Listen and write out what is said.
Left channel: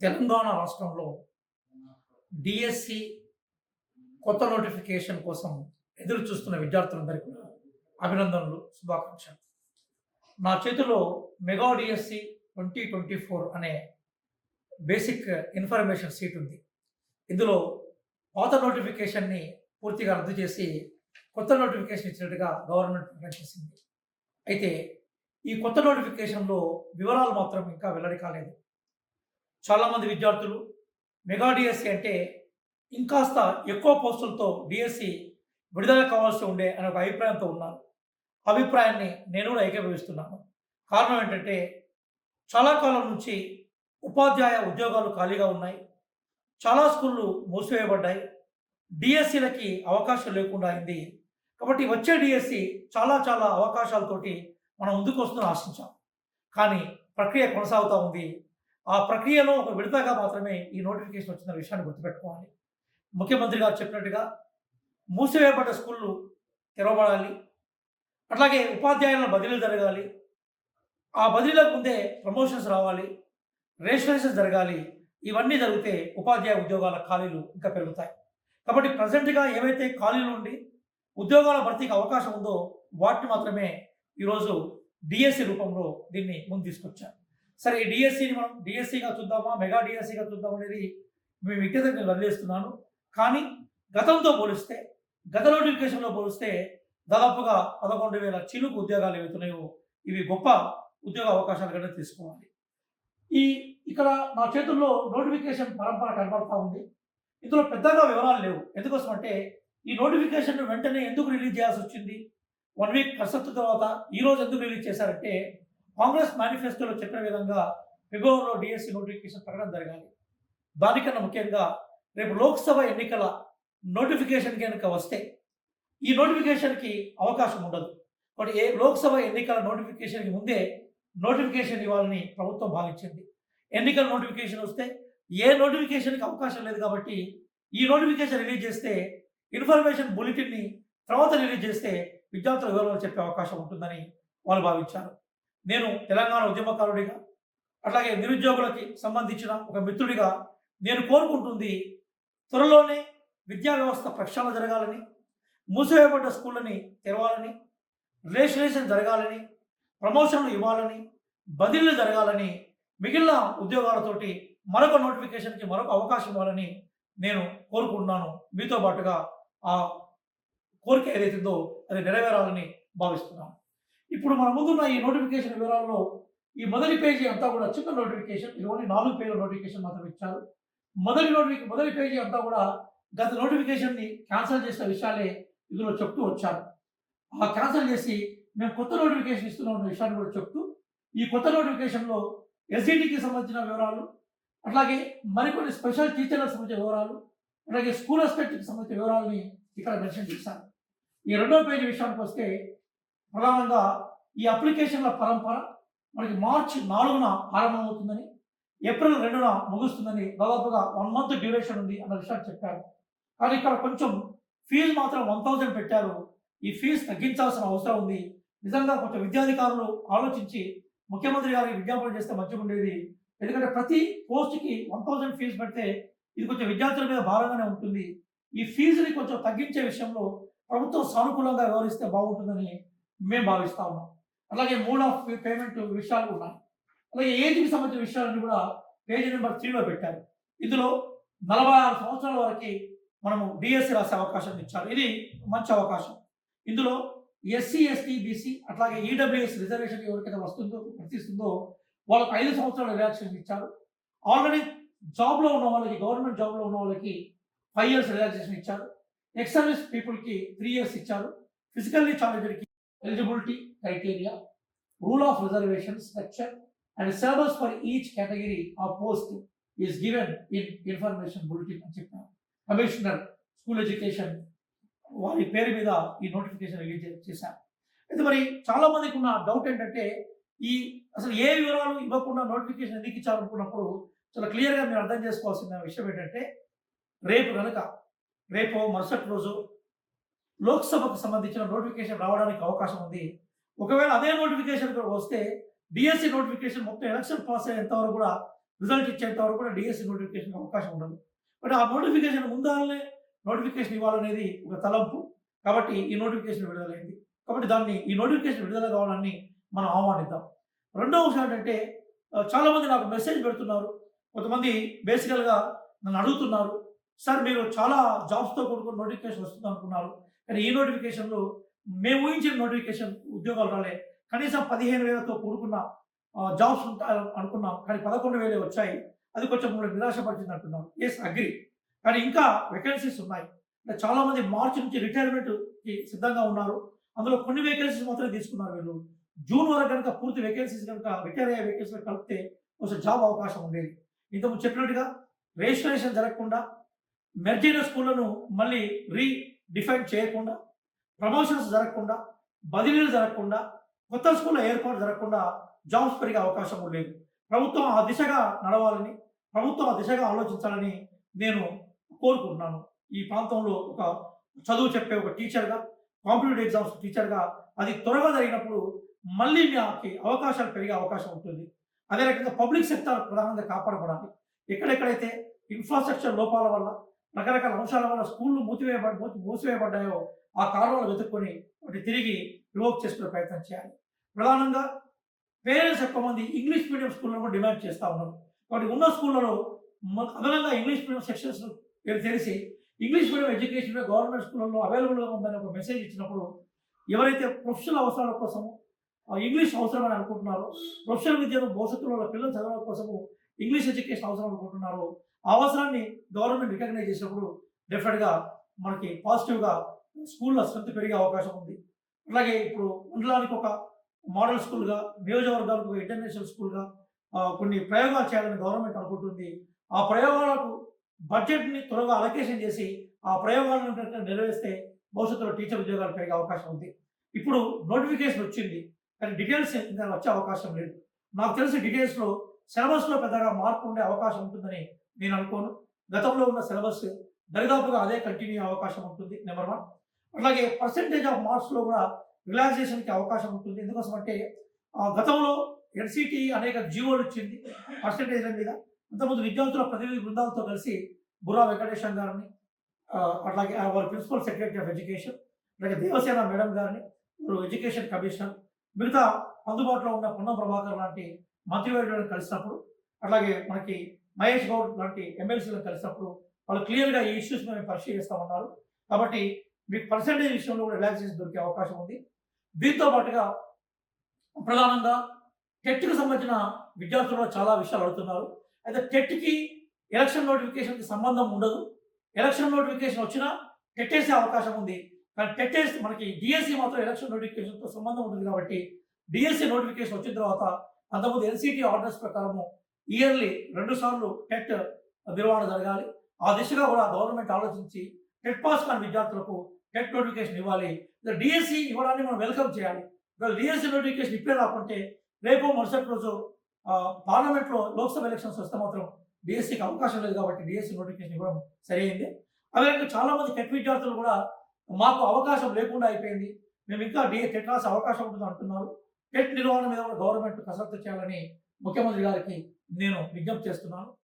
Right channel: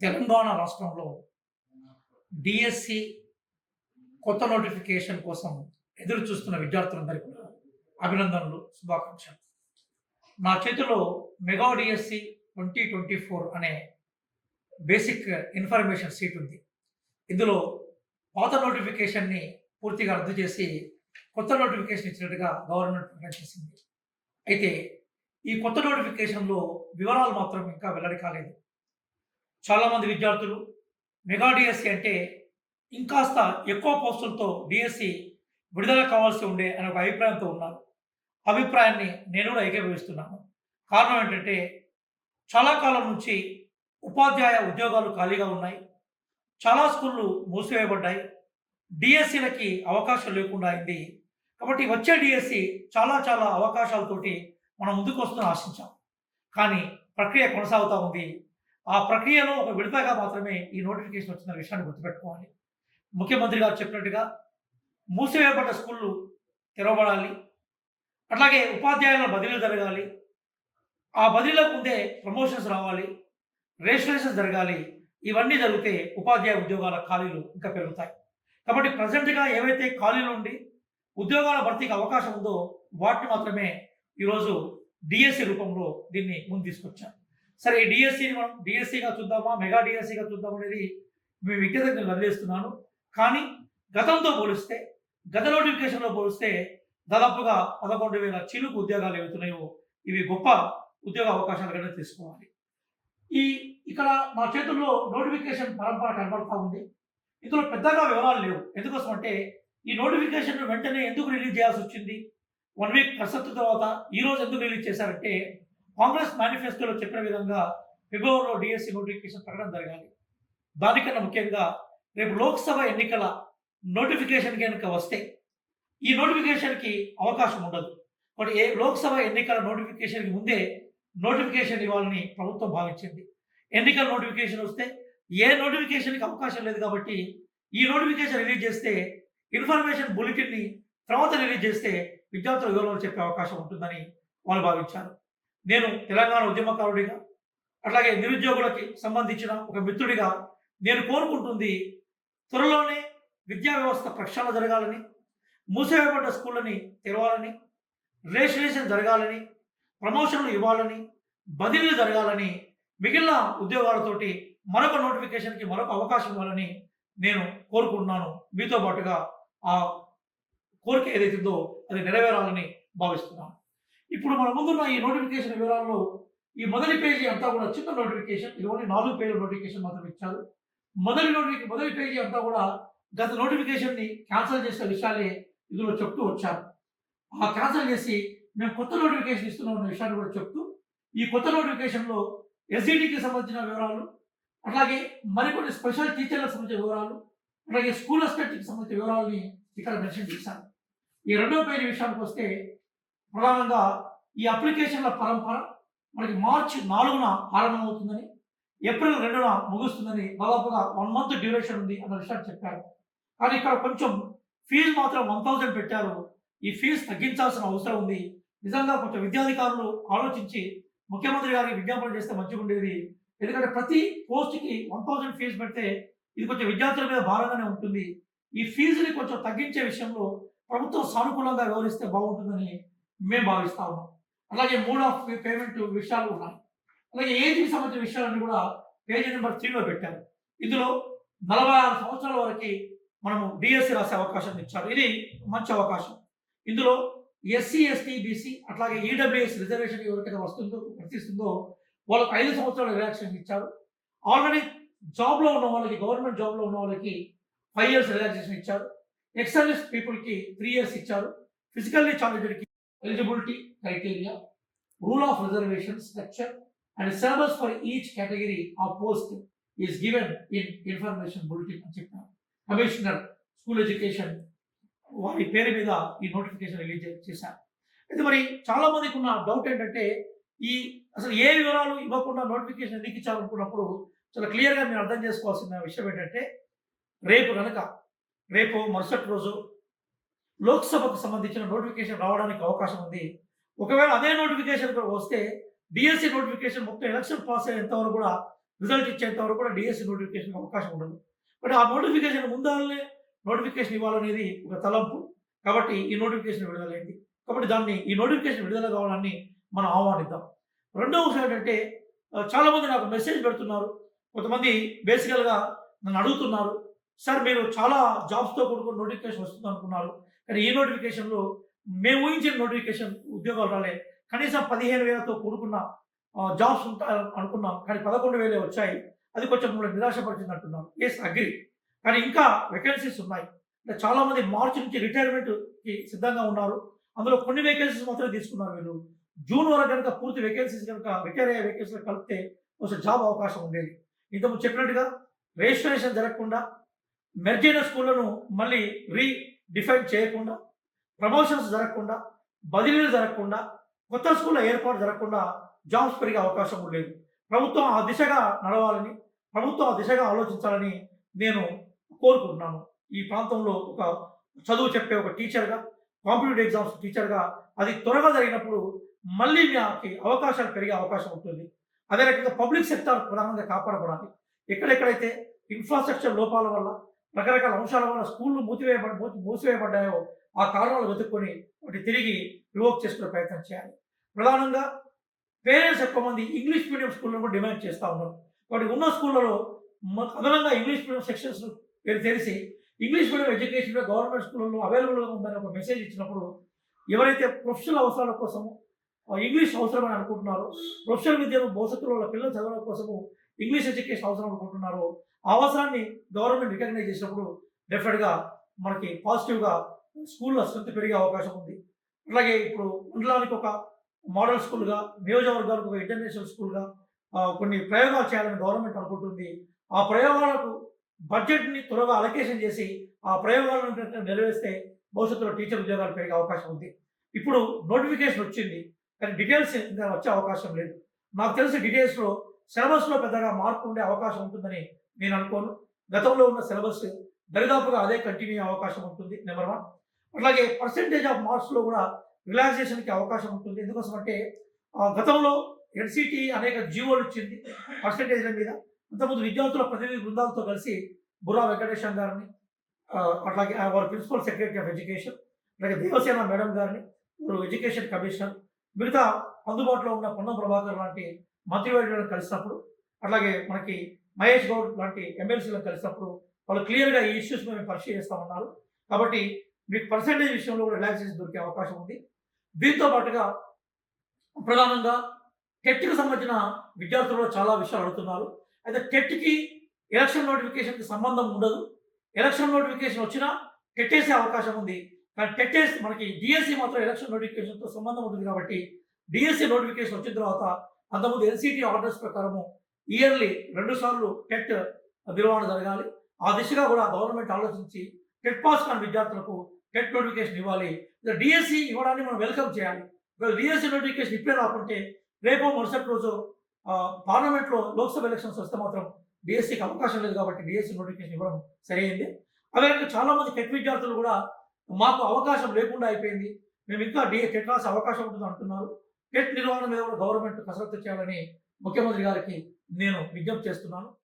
తెలంగాణ రాష్ట్రంలో డిఎస్సి కొత్త నోటిఫికేషన్ కోసం ఎదురు చూస్తున్న విద్యార్థులందరికీ కూడా అభినందనలు, శుభాకాంక్షలు. నా చేతిలో మెగా డిఎస్సి 2024 అనే బేసిక్ ఇన్ఫర్మేషన్ షీట్ ఉంది. ఇందులో పాత నోటిఫికేషన్‌ని పూర్తిగా రద్దు చేసి కొత్త నోటిఫికేషన్ ఇచ్చినట్టుగా గవర్నమెంట్ ప్రకటించింది. అయితే ఈ కొత్త నోటిఫికేషన్‌లో వివరాలు మాత్రం ఇంకా వెల్లడి కాలేదు. చాలామంది విద్యార్థులు మెగా డిఎస్సి అంటే ఇంకాస్త ఎక్కువ పోస్టులతో డిఎస్సి విడుదల కావాల్సి ఉండే అనే ఒక అభిప్రాయంతో ఉన్నారు. అభిప్రాయాన్ని నేను కూడా ఏకీభవిస్తున్నాను. కారణం ఏంటంటే చాలా కాలం నుంచి ఉపాధ్యాయ ఉద్యోగాలు ఖాళీగా ఉన్నాయి. చాలా స్కూళ్ళు మూసివేయబడ్డాయి. డిఎస్సిలకి అవకాశం లేకుండా అయింది. కాబట్టి వచ్చే డిఎస్సి చాలా చాలా అవకాశాలతోటి మనం ముందుకొస్తుందని ఆశించాం. కానీ ప్రక్రియ కొనసాగుతూ ఉంది. ఆ ప్రక్రియలో ఒక విడతగా మాత్రమే ఈ నోటిఫికేషన్ వచ్చిన విషయాన్ని గుర్తుపెట్టుకోవాలి. ముఖ్యమంత్రి గారు చెప్పినట్టుగా మూసివేయబడ్డ స్కూళ్ళు తెరవబడాలి. అట్లాగే ఉపాధ్యాయుల బదిలీలు జరగాలి. ఆ బదిలీలకు ముందే ప్రమోషన్స్ రావాలి. రిజిస్ట్రేషన్స్ జరగాలి. ఇవన్నీ జరిగితే ఉపాధ్యాయ ఉద్యోగాల ఖాళీలు ఇంకా పెరుగుతాయి. కాబట్టి ప్రజెంట్‌గా ఏవైతే ఖాళీలు ఉండి ఉద్యోగాల భర్తీకి అవకాశం ఉందో వాటిని మాత్రమే ఈరోజు డిఎస్సి రూపంలో దీన్ని ముందు తీసుకొచ్చాం. సరే, ఈ డిఎస్సిని మనం డిఎస్సిగా చూద్దామా, మెగా డిఎస్సిగా చూద్దాం అనేది మీ వ్యక్తిగతంగా నేను వదిలేస్తున్నాను. కానీ గతంతో పోలిస్తే, గత నోటిఫికేషన్‌లో పోలిస్తే దాదాపుగా 11,000 చిలుకు ఉద్యోగాలు ఏవైతున్నాయో ఇవి గొప్ప ఉద్యోగ అవకాశాలుగానే తీసుకోవాలి. ఈ ఇక్కడ నా చేతుల్లో నోటిఫికేషన్ పరంపర కనబడతా ఉంది. ఇందులో పెద్దగా వివరాలు లేవు. ఎందుకోసం అంటే ఈ నోటిఫికేషన్ వెంటనే ఎందుకు రిలీజ్ చేయాల్సి వచ్చింది? 1 వీక్ కసరత్తు తర్వాత ఈరోజు ఎందుకు రిలీజ్ చేశారంటే కాంగ్రెస్ మేనిఫెస్టోలో చెప్పిన విధంగా ఫిబ్రవరిలో డిఎస్సి నోటిఫికేషన్ ప్రకటన జరగాలి. దానికన్నా ముఖ్యంగా రేపు లోక్సభ ఎన్నికల నోటిఫికేషన్ కనుక వస్తే ఈ నోటిఫికేషన్‌కి అవకాశం ఉండదు. మరి లోక్సభ ఎన్నికల నోటిఫికేషన్‌కి ముందే నోటిఫికేషన్ ఇవ్వాలని ప్రభుత్వం భావించింది. ఎన్నికల నోటిఫికేషన్ వస్తే ఏ నోటిఫికేషన్‌కి అవకాశం లేదు కాబట్టి ఈ నోటిఫికేషన్ రిలీజ్ చేస్తే ఇన్ఫర్మేషన్ బులెటిన్‌ని తర్వాత రిలీజ్ చేస్తే విద్యార్థుల వివరాలు చెప్పే అవకాశం ఉంటుందని వాళ్ళు భావించారు. నేను తెలంగాణ ఉద్యమకారుడిగా, అట్లాగే నిరుద్యోగులకి సంబంధించిన ఒక మిత్రుడిగా నేను కోరుకుంటుంది త్వరలోనే విద్యా వ్యవస్థ ప్రక్షాళన జరగాలని, మూసివేయబడ్డ స్కూళ్ళని తెరవాలని, రిజిస్ట్రేషన్ జరగాలని, ప్రమోషన్లు ఇవ్వాలని, బదిలీలు జరగాలని, మిగిలిన ఉద్యోగాలతోటి మరొక నోటిఫికేషన్‌కి మరొక అవకాశం ఇవ్వాలని నేను కోరుకుంటున్నాను. మీతో పాటుగా ఆ కోరిక ఏదైతుందో అది నెరవేరాలని భావిస్తున్నాను. ఇప్పుడు మన ముందున్న ఈ నోటిఫికేషన్ వివరాల్లో ఈ మొదటి పేజీ అంతా కూడా చిన్న నోటిఫికేషన్. ఇది ఓన్లీ 4 పేజీల నోటిఫికేషన్ మాత్రం ఇచ్చారు. మొదటి పేజీ అంతా కూడా గత నోటిఫికేషన్‌ని క్యాన్సల్ చేసిన విషయాలే ఇందులో చెప్తూ వచ్చారు. ఆ క్యాన్సల్ చేసి మేము కొత్త నోటిఫికేషన్ ఇస్తున్నాం అన్న విషయాన్ని కూడా చెప్తూ ఈ కొత్త నోటిఫికేషన్‌లో ఎస్‌ఈడీకి సంబంధించిన వివరాలు, అట్లాగే మరికొన్ని స్పెషల్ టీచర్లకు సంబంధించిన వివరాలు, అట్లాగే స్కూల్ అసిస్టెంట్‌కి సంబంధించిన వివరాలని ఇక్కడ మెన్షన్ చేశారు. ఈ రెండో పేజీ విషయానికి వస్తే ప్రధానంగా ఈ అప్లికేషన్ల పరంపర మనకి మార్చి 4న ఆరంభమవుతుందని, ఏప్రిల్ 2న ముగుస్తుందని, దాదాపుగా 1 మంత్ డ్యూరేషన్ ఉంది అన్న విషయాన్ని చెప్పారు. కానీ ఇక్కడ కొంచెం ఫీజు మాత్రం 1000 పెట్టారు. ఈ ఫీజు తగ్గించాల్సిన అవసరం ఉంది. నిజంగా కొంచెం విద్యాధికారులు ఆలోచించి ముఖ్యమంత్రి గారికి విజ్ఞాపన చేస్తే మంచిగా ఉండేది. ఎందుకంటే ప్రతి పోస్ట్‌కి 1000 ఫీజు పెడితే ఇది కొంచెం విద్యార్థుల మీద భారంగానే ఉంటుంది. ఈ ఫీజుని కొంచెం తగ్గించే విషయంలో ప్రభుత్వం సానుకూలంగా వ్యవహరిస్తే బాగుంటుందని మేము భావిస్తా ఉన్నాం. అలాగే మోడ్ ఆఫ్ పేమెంట్ విషయాలు ఉన్నాయి. అలాగే ఏజ్‌కి సంబంధించిన విషయాలన్నీ కూడా పేజీ నెంబర్ 3లో పెట్టారు. ఇందులో 46 సంవత్సరాల వరకి మనము డిఎస్సి రాసే అవకాశం ఇచ్చారు. ఇది మంచి అవకాశం. ఇందులో ఎస్సీ, ఎస్టీ, బీసీ అట్లాగే ఈడబ్ల్యూఎస్ రిజర్వేషన్ ఎవరికైతే వర్తిస్తుందో వాళ్ళకి 5 సంవత్సరాల రిలాక్సేషన్ ఇచ్చారు. ఆల్రెడీ జాబ్‌లో ఉన్న వాళ్ళకి, గవర్నమెంట్ జాబ్‌లో ఉన్న వాళ్ళకి 5 ఇయర్స్ రిలాక్సేషన్ ఇచ్చారు. ఎక్స్ సర్వీస్ పీపుల్‌కి 3 ఇయర్స్ ఇచ్చారు. ఫిజికల్లీ ఛాలెంజ్డ్‌కి eligibility criteria, rule of reservation structure and syllabus for each category of post is given in information bulletin అని చెప్పారు. కమిషనర్ స్కూల్ ఎడ్యుకేషన్ వారి పేరు మీద ఈ నోటిఫికేషన్ రిలీజ్ చేశారు. అయితే మరి చాలా మందికి ఉన్న డౌట్ ఏంటంటే ఈ అసలు ఏ వివరాలు ఇవ్వకుండా నోటిఫికేషన్ ఎందుకు ఇచ్చారనుకున్నప్పుడు చాలా క్లియర్‌గా మీరు అర్థం చేసుకోవాల్సిన విషయం ఏంటంటే రేపు మరుసటి రోజు లోక్సభకు సంబంధించిన నోటిఫికేషన్ రావడానికి అవకాశం ఉంది. ఒకవేళ అదే నోటిఫికేషన్ వస్తే డిఎస్సి నోటిఫికేషన్ మొత్తం ఎలక్షన్ పాస్ అయ్యేంత వరకు కూడా రిజల్ట్ ఇచ్చేంత వరకు కూడా డిఎస్సి నోటిఫికేషన్‌కి అవకాశం ఉండదు. బట్ ఆ నోటిఫికేషన్ ముందుగానే నోటిఫికేషన్ ఇవ్వాలనేది ఒక తలంపు. కాబట్టి ఈ నోటిఫికేషన్ విడుదలైంది. కాబట్టి ఈ నోటిఫికేషన్ విడుదల కావాలని మనం ఆహ్వానిద్దాం. రెండవ విషయం ఏంటంటే చాలామంది నాకు మెసేజ్ పెడుతున్నారు. కొంతమంది బేసికల్‌గా నన్ను అడుగుతున్నారు. సార్ మీరు చాలా జాబ్స్‌తో కూడుకున్న నోటిఫికేషన్ వస్తుందనుకున్నారు. కానీ ఈ నోటిఫికేషన్‌లో మేము ఊహించిన నోటిఫికేషన్ ఉద్యోగాలు రాలే. కనీసం 15,000తో కూడుకున్న జాబ్స్ ఉంటాయి అనుకున్నాం. కానీ 11,000 వచ్చాయి. అది కొంచెం మమ్మల్ని నిరాశపరిచింది అంటున్నారు. Yes agree. కానీ ఇంకా వేకెన్సీస్ ఉన్నాయి. అంటే చాలామంది మార్చి నుంచి రిటైర్మెంట్‌కి సిద్ధంగా ఉన్నారు. అందులో కొన్ని వేకెన్సీస్ మాత్రమే తీసుకున్నారు వీళ్ళు. జూన్ వరకు గనుక పూర్తి వేకెన్సీస్ గనుక రిటైర్ అయ్యే వేకెన్సీలు కలిపితే కొంచెం జాబ్ అవకాశం ఉండేది. ఇంతకుముందు చెప్పినట్టుగా రిజిస్ట్రేషన్ జరగకుండా, మెర్జ్ అయిన స్కూళ్ళను మళ్ళీ రీడిఫైన్ చేయకుండా, ప్రమోషన్స్ జరగకుండా, బదిలీలు జరగకుండా, కొత్త స్కూళ్ళ ఏర్పాటు జరగకుండా జాబ్స్ పెరిగే అవకాశం కూడా లేదు. ప్రభుత్వం ఆ దిశగా నడవాలని, ప్రభుత్వం ఆ దిశగా ఆలోచించాలని నేను కోరుకుంటున్నాను. ఈ ప్రాంతంలో ఒక చదువు చెప్పే ఒక టీచర్‌గా, కాంపిటీటివ్ ఎగ్జామ్స్ టీచర్‌గా అది త్వరగా జరిగినప్పుడు మళ్ళీ మాకి అవకాశాలు పెరిగే అవకాశం ఉంటుంది. అదే రకంగా పబ్లిక్ సెక్టార్ ప్రధానంగా కాపాడబడాలి. ఎక్కడెక్కడైతే ఇన్‌ఫ్రాస్ట్రక్చర్ లోపాల వల్ల, రకరకాల అంశాల వల్ల స్కూల్‌లు మూసివేయబడ్డాయో ఆ కారణాలు వెతుక్కొని వాటిని తిరిగి రివోక్ చేసుకునే ప్రయత్నం చేయాలి. ప్రధానంగా పేరెంట్స్ ఎక్కువ మంది ఇంగ్లీష్ మీడియం స్కూల్‌లను కూడా డిమాండ్ చేస్తా ఉన్నారు. వాటి ఉన్న స్కూళ్ళలో అదనంగా ఇంగ్లీష్ మీడియం సెక్షన్స్ తెలిసి ఇంగ్లీష్ మీడియం ఎడ్యుకేషన్ గవర్నమెంట్ స్కూళ్ళలో అవైలబుల్‌గా ఉందని ఒక మెసేజ్ ఇచ్చినప్పుడు ఎవరైతే ప్రొఫెషనల్ అవసరాల కోసము ఇంగ్లీష్ అవసరమని అనుకుంటున్నారో, ప్రొఫెషనల్ విద్యను భవిష్యత్తులో వాళ్ళ పిల్లలు చదవడం కోసము ఇంగ్లీష్ ఎడ్యుకేషన్ అవసరం అనుకుంటున్నారో, ఆ అవసరాన్ని గవర్నమెంట్ రికగ్నైజ్ చేసినప్పుడు డెఫినెట్‌గా మనకి పాజిటివ్‌గా స్కూళ్ళ స్ట్రెంత్ పెరిగే అవకాశం ఉంది. అలాగే ఇప్పుడు మండలానికి ఒక మోడల్ స్కూల్‌గా, నియోజకవర్గాలకు ఒక ఇంటర్నేషనల్ స్కూల్‌గా కొన్ని ప్రయోగాలు చేయాలని గవర్నమెంట్ అనుకుంటుంది. ఆ ప్రయోగాలకు బడ్జెట్‌ని త్వరగా అలొకేషన్ చేసి, ఆ ప్రయోగాలను గనుక నెరవేరిస్తే భవిష్యత్తులో టీచర్ ఉద్యోగాలు పెరిగే అవకాశం ఉంది. ఇప్పుడు నోటిఫికేషన్ వచ్చింది. కానీ డీటెయిల్స్ ఇంకా వచ్చే అవకాశం లేదు. నాకు తెలిసి డీటెయిల్స్‌లో సిలబస్‌లో పెద్దగా మార్పు ఉండే అవకాశం ఉంటుందని నేను అనుకోను. గతంలో ఉన్న సిలబస్ దరిదాపుగా అదే కంటిన్యూ అయ్యే అవకాశం ఉంటుంది. నంబర్ 1. అట్లాగే పర్సెంటేజ్ ఆఫ్ మార్క్స్‌లో కూడా రిలాక్సేషన్‌కి అవకాశం ఉంటుంది. ఎందుకోసమంటే గతంలో ఎన్‌సీటీ అనేక జీవోలు ఇచ్చింది పర్సెంటేజ్‌ల మీద. అంతకుముందు విద్యార్థుల ప్రతినిధి బృందాలతో కలిసి బుర్రా వెంకటేశం గారిని, అట్లాగే వారి ప్రిన్సిపల్ సెక్రటరీ ఆఫ్ ఎడ్యుకేషన్, అలాగే దేవసేన మేడం గారిని, ఎడ్యుకేషన్ కమిషనర్, మిగతా అందుబాటులో ఉన్న పొన్నం ప్రభాకర్ లాంటి మంత్రివర్యులను కలిసినప్పుడు, అట్లాగే మనకి మహేష్ గౌడ్ లాంటి ఎమ్మెల్సీలను కలిసినప్పుడు వాళ్ళు క్లియర్‌గా ఈ ఇష్యూస్ మేము పరిశీలిస్తామన్నారు. కాబట్టి మీకు పర్సెంటేజ్ విషయంలో కూడా రిలాక్సేషన్ దొరికే అవకాశం ఉంది. దీంతో పాటుగా ప్రధానంగా టెట్‌కి సంబంధించిన విద్యార్థులు కూడా చాలా విషయాలు అడుగుతున్నారు. అయితే టెట్‌కి ఎలక్షన్ నోటిఫికేషన్‌కి సంబంధం ఉండదు. ఎలక్షన్ నోటిఫికేషన్ వచ్చినా టెట్ అవకాశం ఉంది. కానీ టెట్ మనకి డీఎస్సీ మాత్రం ఎలక్షన్ నోటిఫికేషన్‌తో సంబంధం ఉంటుంది కాబట్టి డీఎస్సీ నోటిఫికేషన్ వచ్చిన తర్వాత అంతకుముందు ఎన్‌సీటీ ఆర్డర్స్ ప్రకారము ఇయర్‌లీ 2 సార్లు టెట్ నిర్వహణ జరగాలి. ఆ దిశగా కూడా గవర్నమెంట్ ఆలోచించి టెట్ పాస్ కాని విద్యార్థులకు టెట్ నోటిఫికేషన్ ఇవ్వాలి. డీఎస్సీ ఇవ్వడాన్ని మనం వెల్కమ్ చేయాలి. ఒకవేళ డీఎస్సీ నోటిఫికేషన్ ఇప్పుడే రాకుంటే రేపో మరుసటి రోజు పార్లమెంట్‌లో లోక్‌సభ ఎలక్షన్స్ వస్తే మాత్రం డీఎస్సీకి అవకాశం లేదు కాబట్టి డీఎస్సీ నోటిఫికేషన్ ఇవ్వడం సరైంది. అదే రకంగా చాలామంది టెట్ విద్యార్థులు కూడా మాకు అవకాశం లేకుండా అయిపోయింది. మేము ఇంకా టెట్ రాసే అవకాశం ఉంటుంది అంటున్నారు. టెట్ నిర్వహణ మీద కూడా గవర్నమెంట్ కసరత్తు చేయాలని ముఖ్యమంత్రి గారికి నేను విజ్ఞప్తి చేస్తున్నాను.